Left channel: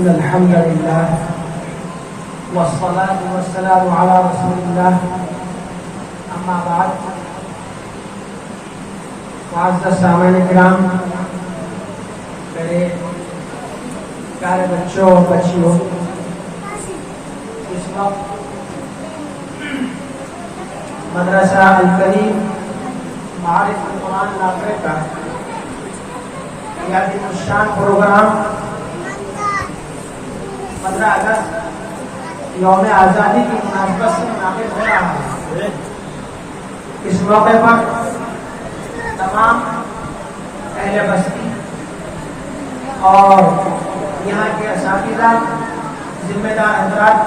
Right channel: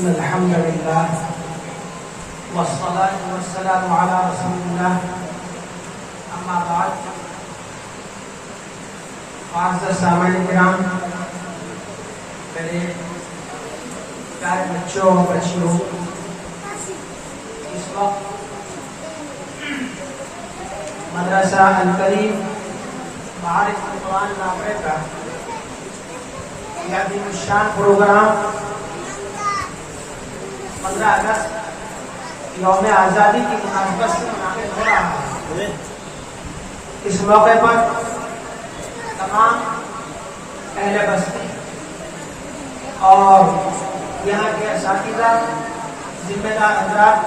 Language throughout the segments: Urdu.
إن الحمد لله والصلاة والسلام على رسول الله أما بعد معزز سامعین کرام، میرے پیارے بچوں اور بچیوں، اس وقت مدرسہ الکریم معارف القرآن نافع کا یادی الشان پروگرام 15 اگست یوم آزادی کی مناسبت سے منعقد ہو رہا ہے۔ اس موقع پر تمام اہل بستی اور یہاں کے اساتذہ، ذمہ دار حضرات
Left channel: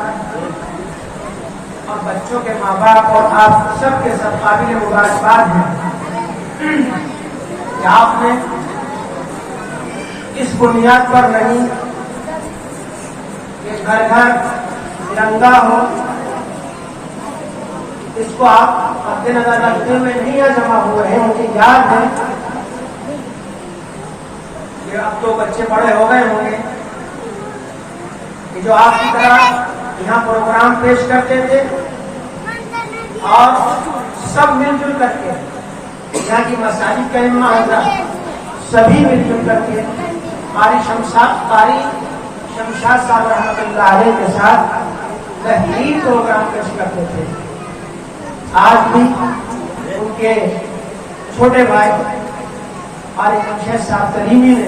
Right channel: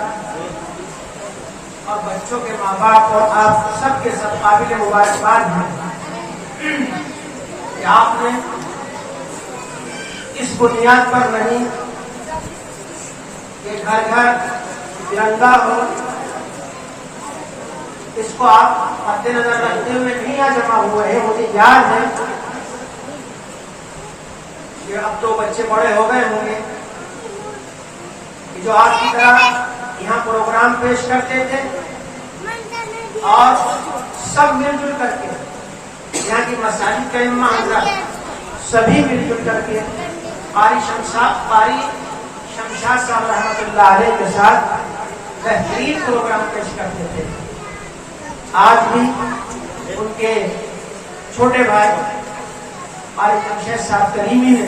اور بچوں کے ماں باپ اور آپ سب کے سب قابل مبارکباد ہیں کہ آپ نے اس بنیاد پر نہیں کہ گھر گھر ترنگا ہو، اس کو آپ مد نظر رکھتے ہوئے نہیں جمع ہوئے ہیں۔ مجھے یاد ہے کہ اب تو بچے بڑے ہو گئے ہوں گے کہ جو آپ کی طرح یہاں پروگرام پیش کرتے تھے اور سب مل جل کر کے یہاں کی مساجد کے امام حضرات سبھی مل جل کر کے قاری شمشاد صاحب رحمۃ اللہ علیہ کے ساتھ بہترین پروگرام پیش کرتے تھے۔ آج بھی ان کے چھوٹے بھائی قاری شمشاد صاحب کریمی نے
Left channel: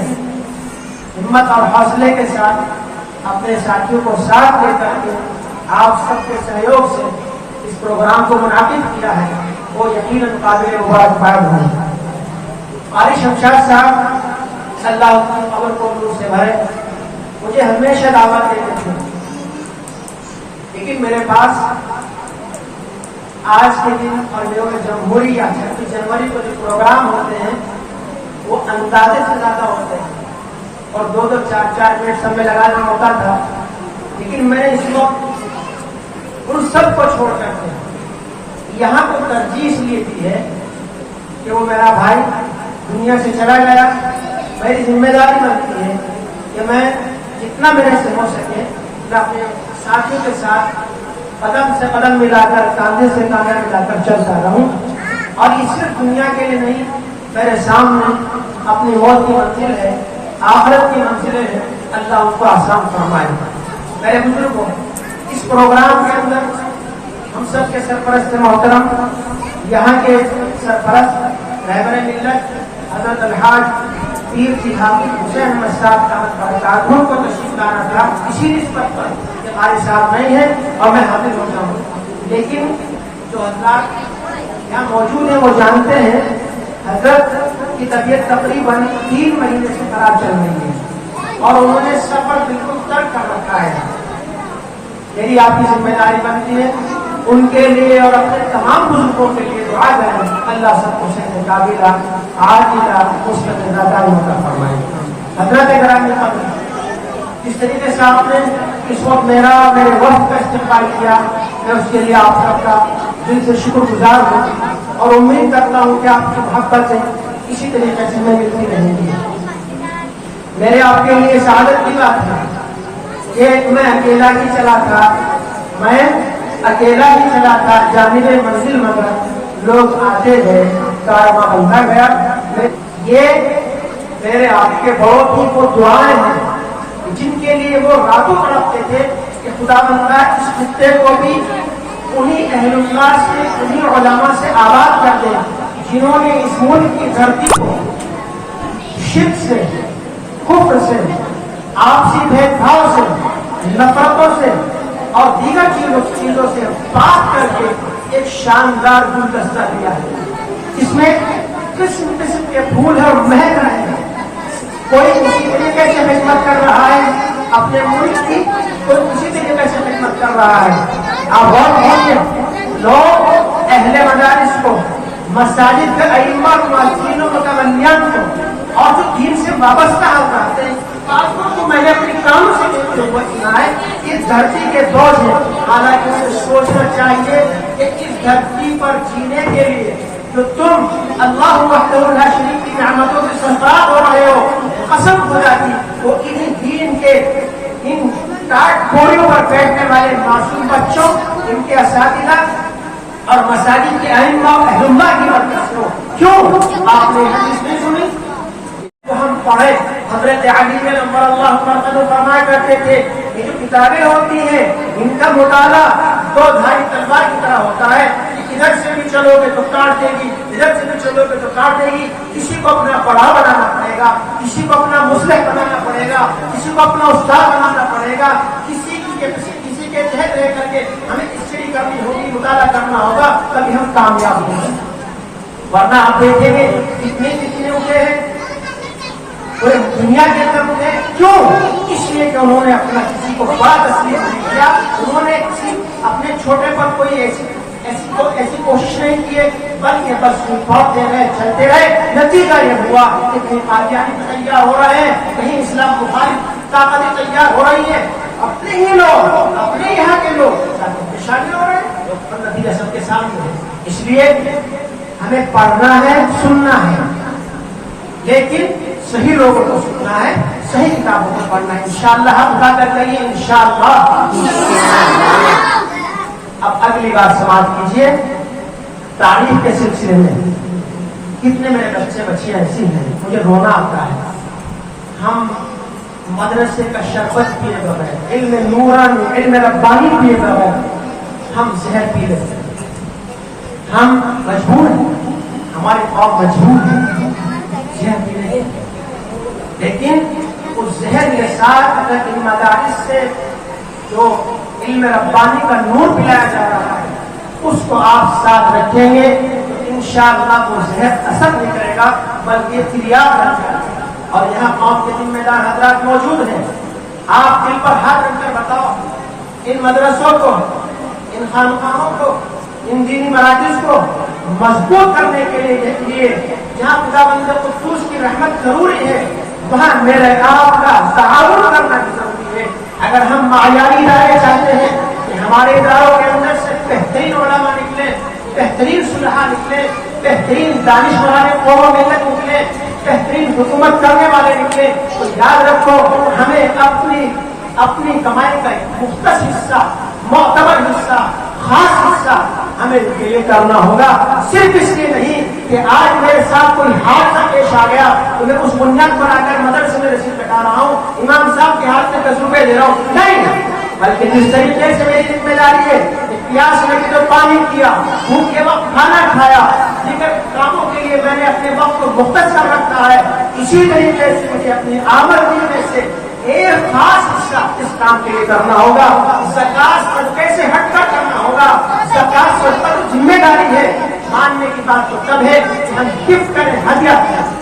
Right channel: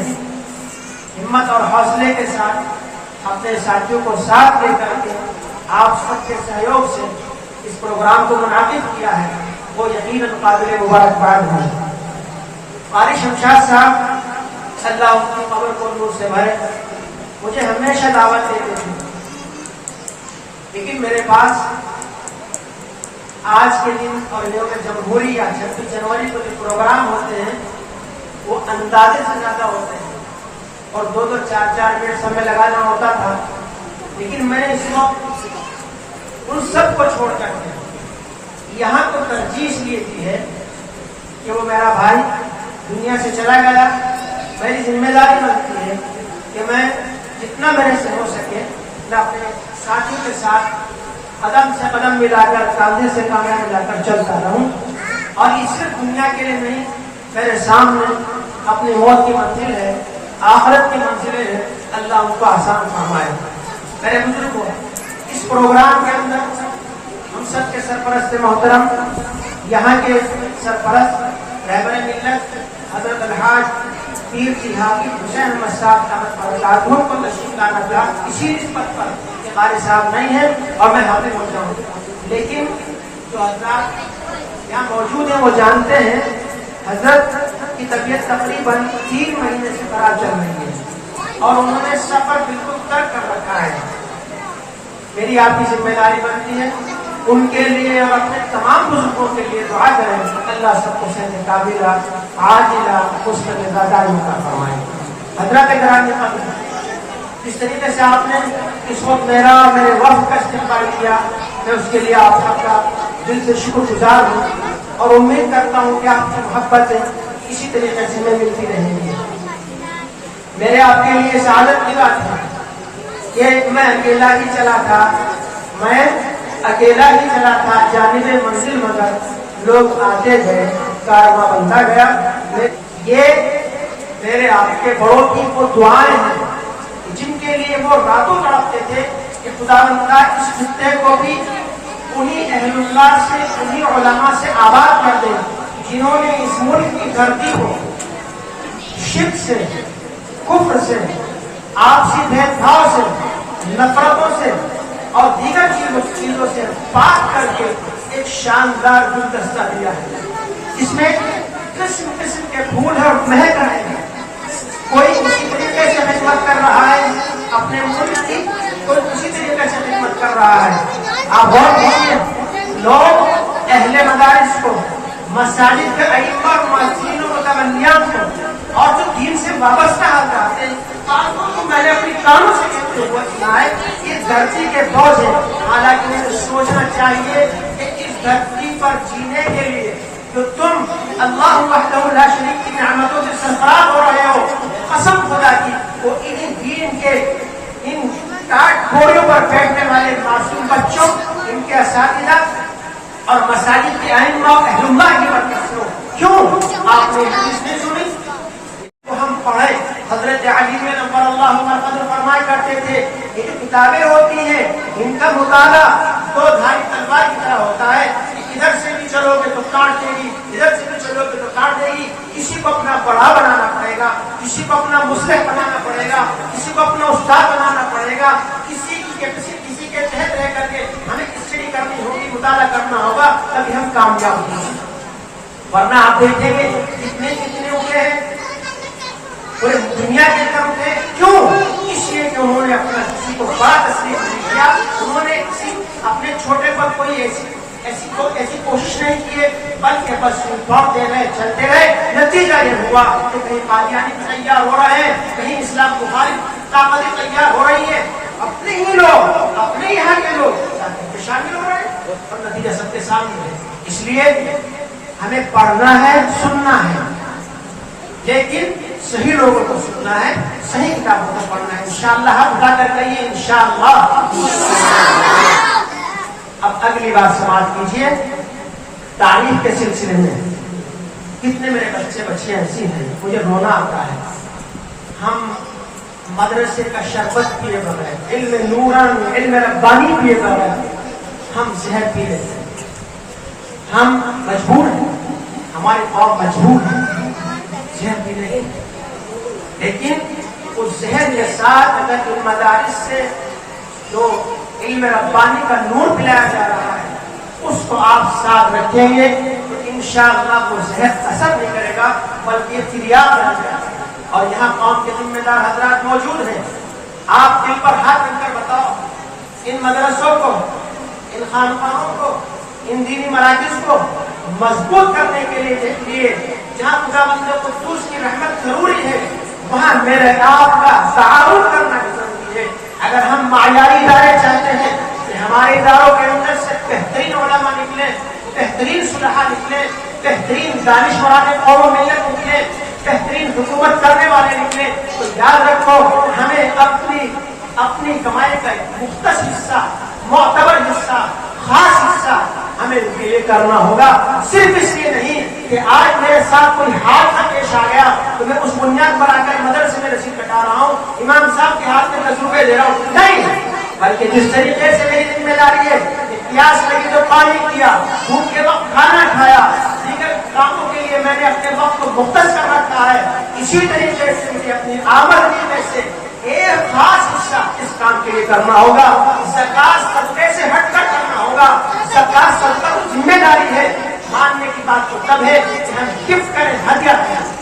ہمت اور حوصلے کے ساتھ اپنے ساتھیوں کو ساتھ لے کر کے آپ سب کے سہیوگ سے اس پروگرام کو منعقد کیا ہے، وہ یقیناً قابل مبارکباد ہے۔ قاری شمشاد صاحب اللہ کی قبر کو نور سے بھرے، مجھے ہمیشہ دعوت دیتے تھے، لیکن میرے پاس آج کے دن اور یوم جمہوری یا 26 جنوری کو جو پروگرام ہوتے ہیں وہ اندازے سے زیادہ ہوتے ہیں اور 2-2 4-4 منٹ سمے لگانا ہوتا تھا، لیکن میں نے اس وقت ان سب کو چھوڑ کر کے یہاں کو ترجیح اس لیے دی ہے کہ وہ میرا بھائی دنیا سے چلا گیا، میری ذمہ داری بنتی ہے کہ میں جتنا میرے سے ہو سکے میں اپنے ساتھیوں کے ساتھ قدم سے قدم ملا کر، کاندھے سے کاندھا ملا کر چلتا رہوں، اور یہ صرف دنیا کے لیے نہیں، میرے سامنے اپنی موت کی منزل ہے، آخرت کی منزلیں ہیں، اللہ ان کو آسان فرمائے۔ میرے بزرگوں، اس پروگرام کے اندر ہم سب کے سرپرست محترم، یہاں کے سرپرست رہبر ملت حضرت الحاج پیر کی حافظ حسین احمد صاحب برکاتہ کو تشریف لانا تھا، اسی نسبت پر کہ قاری صاحب نہیں ہے اور میں حاضر ہوتا ہوں، لیکن جو حضرات یہاں موجود ہیں وہ جانتے ہیں حضرت کی طبیعت تقریباً 3 مہینے سے خراب چل رہی ہے اور انہوں نے سفر بالکل ترک کر رکھا ہے۔ میری آپ کی ذمہ داری بنتی ہے ان کے لیے اور اپنے تمام بزرگوں کے لیے دعا کریں، اللہ سب کو صحت قابلہ عاجلہ مستمرہ عطا فرمائے۔ حضرات گرامی قدر، جس طریقے سے آپ نے اس وقت میرا اور میرے وقت کا استقبال کیا، میں اس کے لیے آپ سب کا دل سے شکر گزار ہوں اور امید کرتا ہوں کہ آپ کی محبت اسی طریقے سے میں ملتی رہے گی۔ میرے آپ کے لیے سعادت کی بات ہے کہ میں اکیلا ہی چلا تھا، جانب منزل مگر لوگ آتے گئے، کارواں بنتا گیا۔ یہ میرے آپ کے بڑوں کی وہ دعائیں ہیں جن کے لیے وہ راتوں تڑپتے تھے کہ خدا بندہ اس خطے کو بھی انہی اہل اللہ سے، انہی علماء سے آباد کر دے جنہوں نے اس ملک کی دھرتی کو شرک سے، کفر سے، آپسی بھید بھاؤ سے، نفرتوں سے اور دیگر چیزوں سے پاک کر کے ایک شاندار گلدستہ دیا ہے، جس میں قسم قسم کے پھول اور مہک رہے ہیں۔ کوئی اسی طریقے سے خدمت کر رہا ہے اپنے ملک کی، کوئی اسی طریقے سے خدمت کر رہا ہے۔ آپ غور کیجیے، لوگ اہل مدارس کو، مساجد کے ائمہ اور مؤذنین و متولیان کو اور جو دین سے وابستہ حضرات ہیں، میں نے اپنی کانوں سے کہتے ہوئے سنا ہے اس دھرتی کے بوجھ ہے، حالانکہ مجھے سوچنا چاہیے کہ اس دھرتی پر جینے کے لیے جو تم اللہ وحدہ لا شریک کی نعمتوں سے سرفراز ہو رہے ہو، قسم خدا کی وہ انہیں دین کے ان بیٹھنے والے معصوم بچوں، ان کے اساتذہ اور مساجد کے ائمہ اہل اللہ کی برکتوں، کیوں آپ نے حدیث نہیں سنی؟ تو ہم پڑھے، حضرت علی میں نمبر اللہ مرتضی فرمایا کرتے تھے یہ جو کتابیں ہوتی ہیں ان کا مطالعہ دو دھاری تلوار کی طرح ہوتا ہے، ادھر سے بھی چلو گے تو کاٹ دے گی، ادھر سے بھی چلو گے تو کاٹ دے گی. کسی کو اپنا بڑا بنانا پڑے گا، کسی کو اپنا مصلح بنانا پڑے گا، کسی کو اپنا استاد بنانا پڑے گا، کسی کے تحت رہ کر کے ہمیں اسٹڈی کرنی ہوگی، مطالعہ کرنا ہوگا، تبھی ہم کامیاب ہوں گے. ورنہ آپ دیکھیں گے کتنے اٹھے ہیں پورے دنیا کے اندر اٹھے. کیوں؟ اس لیے کہ انہوں نے اپنا کسی کو بڑا تسلیم نہیں کیا، انہوں نے کسی اپنے چھوٹے پر کوئی ایسی کوشش نہیں کی، بلکہ بس پڑھتے رہے، چلتے رہے. نتیجہ یہ ہوا کہ کہیں قادیانی تیار ہو رہے ہیں، کہیں اسلام مخالف طاقتیں تیار ہو رہی ہیں، اپنے ہی لوگ، اپنے یہاں کے لوگ شامل ہو رہے ہیں، اور نتیجہ سب کے سامنے ہے. اس لیے ہمیں پڑھنا ہے، سننا ہے، لیکن صحیح لوگوں کو سننا ہے، صحیح کتابوں کو پڑھنا ہے. انشاءاللہ ہم ادا کر رہی ہیں انشاءاللہ. اب اگلی بار سماعت کیجیے تعریف کے سلسلے میں. کتنے میرے بچے بچیاں ایسی ہیں مجھے رونا آتا ہے. ہم مدرسے کا شربت پیے بغیر، علم نورانی، علم ربانی پیے بغیر ہم زہر پی لیتے ہیں. ہم مجبور ہیں، ہماری قوم مجبور ہے زہر پینے کی. لیکن اس زہر کے ساتھ اگر ان مدارس سے جو علم ربانی کا نور پلایا جا رہا ہے اس کو آپ ساتھ رکھیں گے تو انشاءاللہ وہ زہر اثر نہیں کرے گا بلکہ تریاب بن جائے گا. اور یہاں قوم کے ذمہ دار حضرات موجود ہیں. آپ دل پر ہاتھ رکھ کر بتاؤ، ان مدرسوں کو، ان خانقاہوں کو، ان دینی مراکز کو مضبوط کرنے کے لیے جہاں خداوند قدوس کی رحمت ضروری ہے وہاں میرے آپ کا تعاون کرنا بھی ضروری ہے. اگر ہم معیاری ادارے چاہتے ہیں کہ ہمارے اداروں کے اندر سے بہترین علماء نکلے، بہترین صلحاء نکلے، بہترین دانشوران قوم ملت نکلے، بہترین حکومت کرنے والے نکلے، تو یاد رکھو ہمیں اپنی کمائی کا ایک مختص حصہ، معتبر حصہ، خاص حصہ ہمیں یہ کرنا ہوگا. صرف اس لیے نہیں کہ آج میرے ساتھ کوئی حادثہ پیش آ گیا تو میں اس بنیاد پر آ کر مدرسے میں رسید کٹا رہا ہوں، امام صاحب کے ہاتھ میں 10 روپے دے رہا ہوں، نہیں. بلکہ جس طریقے سے میری ذمہ داری ہے، پیاس لگی تو پانی پیا، بھوک کے وقت کھانا کھایا، دیگر کاموں کے لیے میں نے اپنے وقت کو مختص کر رکھا ہے، اسی طریقے سے مجھے اپنی آمدنی میں سے ایک خاص حصہ اس کام کے لیے کرنا ہوگا. زکات صدقے سے ہٹ کر کرنا ہوگا. زکات صدقہ تو ذمہ داری ہے، ماننے کی بات تو تب ہے کہ ہم گفٹ کریں، ہدیہ کریں.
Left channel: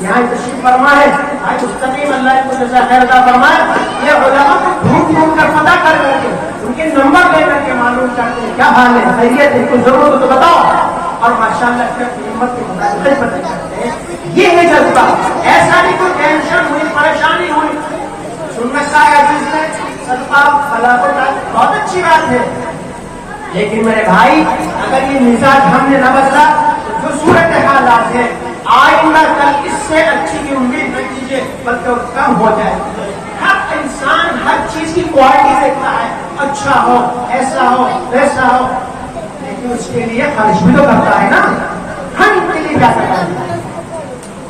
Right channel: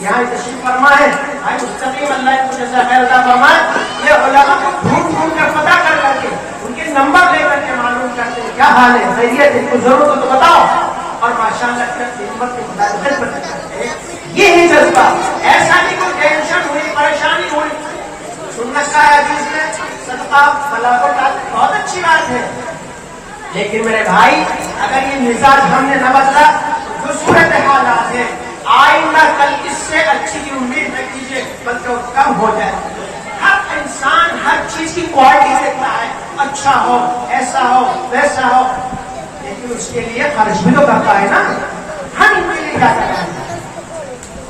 یہاں تشریف فرما ہے بھائی مستقیم اللہ کو جزا خیر عطا فرمائے. یہ علماء کو ڈھونڈ کر پتہ کر کر کے ان کے نمبر لے کر کے معلوم کرتے ہیں کیا حال ہے، خیریت ہے، کوئی ضرورت تو بتاؤ، اور ماشاءاللہ پھر نمبر کے مطابق خدمت کرتے ہیں. یہ ہے جذبہ. ایسا نہیں کوئی ٹینشن ہوئی، پریشانی ہوئی، سنت کا حدیث میں صدقہ فلاح و تعالی بہت اچھی بات ہے، لیکن میرے بھائی اگر یہ مزاج ہم نے نہ بدلا تو جو صورت حالات ہے آئندہ کل اس سے اچھی کی امید نہ کیجیے بلکہ وہ کم ہو جائے. ہر انسان ہر چیز کی کوالٹی دیکھتا ہے، اچھا ہو، ایسا ہو، ویسا ہو، لیکن اس کے لیے خرچ بھی تو کرتا ہے نا. ہم ان کے لیے کیا کرنا ہے؟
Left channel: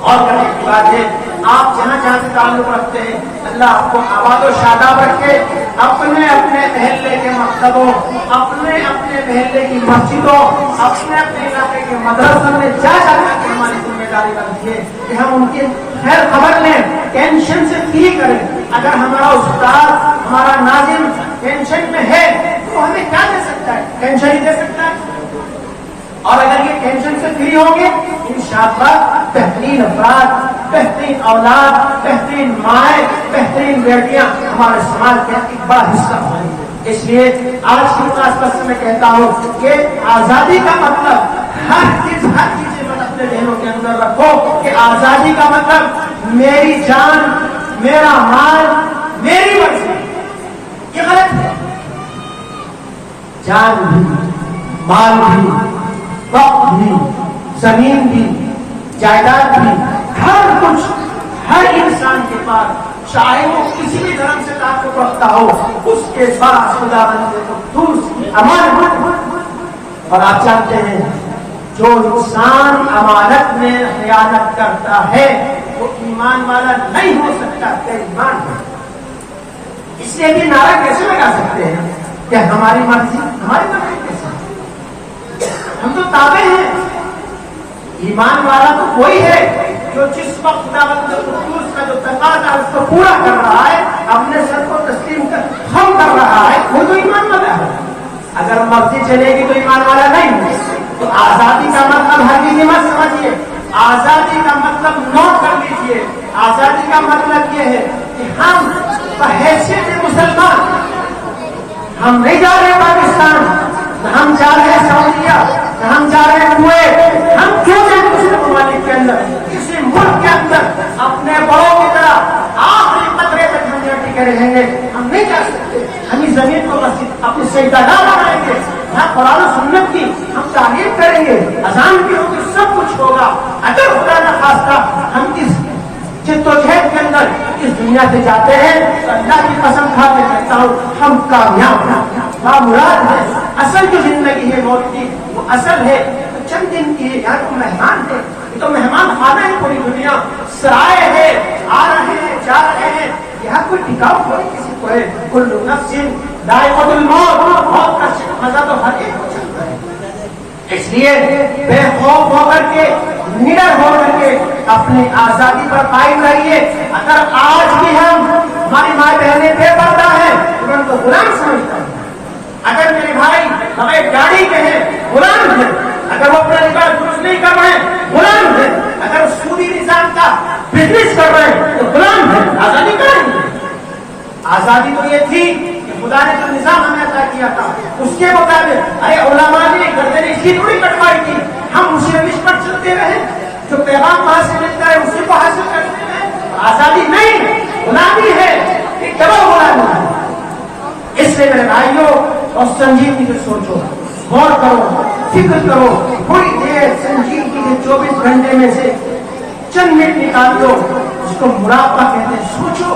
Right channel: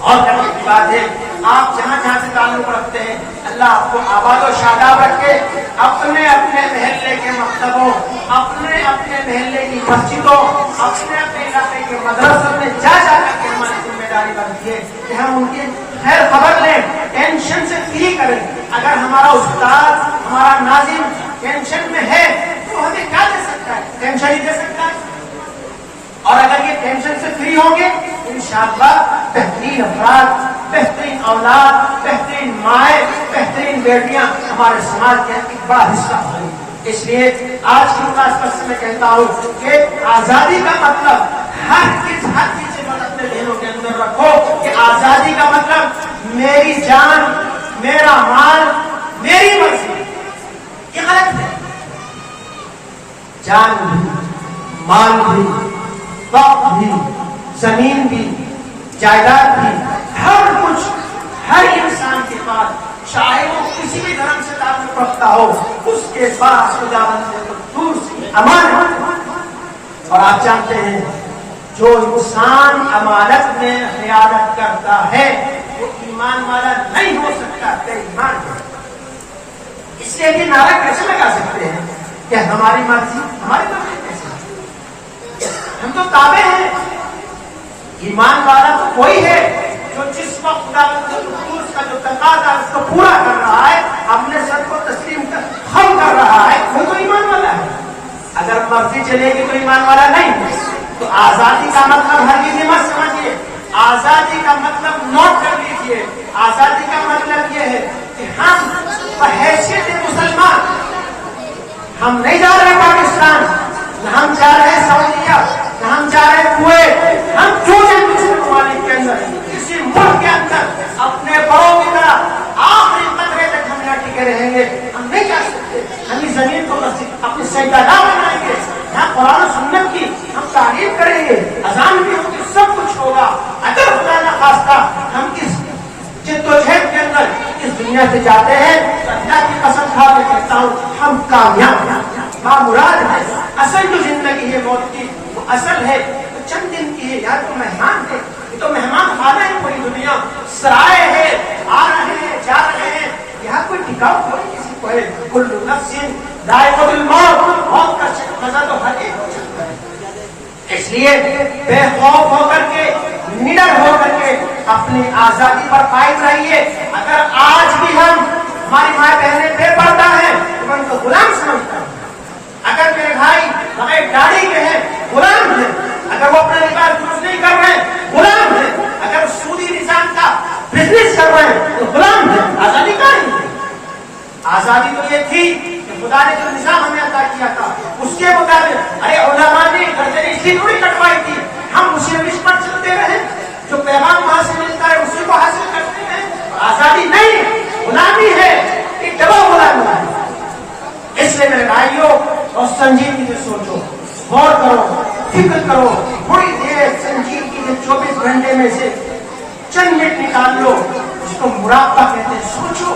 اور کرنے کی بات ہے آپ جہاں جہاں سے تعلق رکھتے ہیں اللہ آپ کو آباد و شاداب رکھے. اپنے محلے کے مکتبوں، اپنے محلے کی مسجدوں، اپنے علاقے کے مدرسوں میں جا کر کے ہماری ذمہ داری بنتی ہے کہ ہم ان کی خیر خبر لیں، ٹینشن سے فری کریں. اگر ہمارا استاد، ہمارا ناظم ٹینشن میں ہے تو ہمیں کیا دے سکتا ہے؟ ٹینشن ہی دے سکتا ہے. اور اگر یہ ٹینشن سے فری ہوں گے انشاءاللہ بہترین افراد، بہترین اولاد، بہترین مائیں، بہترین بیٹیاں ہمارے سماج کے ایک بڑا حصہ ہوں. اس لیے آج کی خاص میں کہتا ہوں کہ آزادی کا مطلب ہر چیز اپنے ذہنوں کے اندر رکھو کہ آزادی کا مطلب میری جان، میرا مال، میری مرضی. یہ غلط ہے. جان بھی، مال بھی، وقت بھی، زمین بھی، جائیداد بھی، ہر کچھ ہر انسان کے پاس چاہے وہ کسی بھی دھرم سے تعلق رکھتا ہو، اس کے پاس خدا بندے قدوس کی امانت ہے۔ اور آپ جانتے ہیں جو انسان امانت میں خیانت کرتا ہے وہ ایمان والا نہیں ہو سکتا، بے ایمان ہے۔ اس لیے بھی نعرہ کیسے لگا سکتے ہیں کہ ہماری مرضی کیسے؟ ہم تو تابع ہیں۔ ایمان والا تو کوئی ہے جو جس وقت خدا قدوس کا جو تقاضا اس کو پورا کر رہا ہے، اپنے سر کو تسلیم کر ہم کر رہا ہے، وہ تو ایمان والا ہے۔ اگر مرضی چلے گی تو ایمان والا نہیں۔ تو آزادی کا مطلب ہر کسی مت سمجھیے، آزادی کا مطلب نوٹ کر لیجیے، آزادی کا مطلب یہ ہے کہ ہم بحیثیت مسلمان ہم نہیں جا رہے پاکستان، نہ ہم جا رہے سعودیہ، نہ ہم جا رہے کویت، ہم کیوں جائیں دوسرے ممالک کے اندر، کسی ملک کے اندر اپنے بڑوں کی طرح آخری قطرے تک ہم ٹکے رہیں گے، ہم نہیں جا سکتے۔ ہم اس زمین کو اپنی سجدہ بنائیں گے، یہاں قرآن و سنت کی ہم تعریف کریں گے، اذان بھی ہوگی، سب کچھ ہوگا۔ اگر خدا نخواستہ ہم اس جد و جہد کے اندر اس دنیا سے جاتے ہیں تو اللہ کی قسم کھا کے کہتا ہوں ہم کامیاب ہیں، بامراد ہیں۔ اصل جو زندگی ہے موت کی وہ اصل ہے چند دن کی ہے، یہاں تو مہمان ہے، یہ تو مہمان خانہ ہے، پوری دنیا سرائے ہے، آ رہے ہیں جا رہے ہیں، یہاں کوئی ٹکاؤ کوئی کسی کو ہے۔ کل نفس ذائقۃ الموت، موت کا مزہ تو ہر ایک کو چکتا ہے۔ اس لیے بے خوف ہو کر کے، نڈر ہو کر کے اپنی آزادی پر قائم رہیے۔ اگر آج بھی ہم ہماری ماں بہنیں بے پردہ ہیں تو ان کو غلام سمجھتا ہوں۔ اگر میرے بھائی بغیر گاڑی کے ہیں غلام ہیں، اگر وہ اپنا نکاح درست نہیں کر رہے ہیں غلام ہیں، اگر سودی نظام کا بزنس کر رہے ہیں تو غلام ہیں۔ آزادی کہاں ہے؟ آزادی تو یہ تھی کہ خدا نے جو نظام ہمیں عطا کیا تھا اس کے مطابق، ارے علماء نے گردنیں اس کی تھوڑی کٹوائی تھی، ہم اسے پر چلتے رہے، جو پیغام وہاں سے ملتا ہے اسی کو حاصل کرتے ہیں۔ آزادی نہیں، غلامی ہے، ایک ڈبل غلامی ہے۔ اس لیے میرے بھائیوں اور سنجیدگی سے سوچو، غور کرو، فکر کرو، تھوڑی دیر سنجیدگی سے 24 گھنٹے میں سے چند منٹ نکال لو، اس کو مراقبہ کہتے ہیں۔ سوچو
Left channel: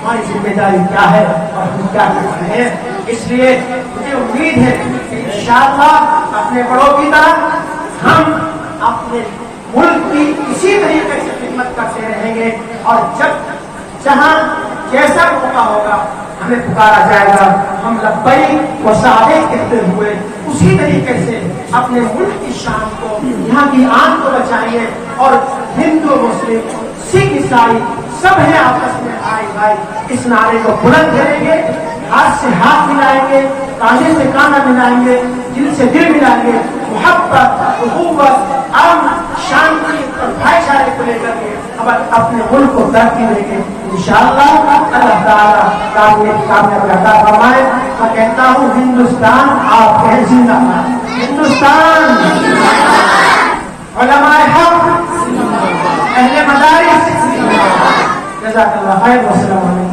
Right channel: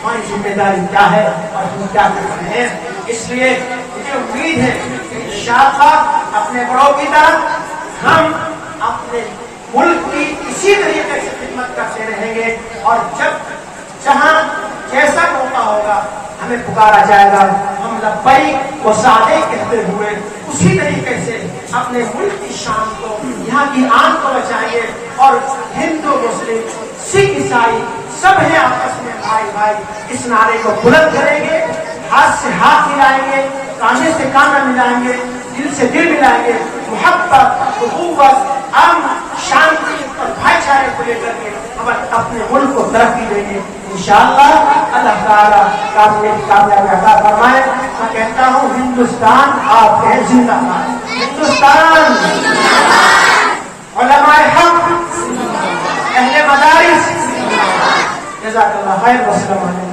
ہماری ذمہ داری کیا ہے اور ہم کیا کر رہے ہیں۔ اس لیے مجھے امید ہے کہ انشاءاللہ اپنے بڑوں کی طرح ہم اپنے ملک کی اسی طریقے سے خدمت کرتے رہیں گے، اور جب جہاں جیسا موقع ہوگا ہمیں پکارا جائے گا، ہم لبیک و سعدیک کہتے ہوئے اسی طریقے سے اپنے ملک کی شان کو، یہاں کی آن کو بچائیں گے۔ اور ہندو مسلم سکھ عیسائی سب ہیں آپس میں بھائی بھائی، اس نعرے کو بلند کریں گے، ہاتھ سے ہاتھ ملائیں گے، کانے سے کانا ملائیں گے، دل سے دل ملائیں گے، محبت، اخوت، امن، شانتی اور بھائی چارے کو لے کر کے ہم اپنے ملک کو ترقی دیں گے انشاءاللہ۔ اللہ تعالیٰ کامیابی عطا فرمائے۔ میں کہتا ہوں ہندوستان آپ کے زندہ باد، ہندوستان، علماء حق، اہل مدارس، جزاک اللہ خیر، والسلام علیکم۔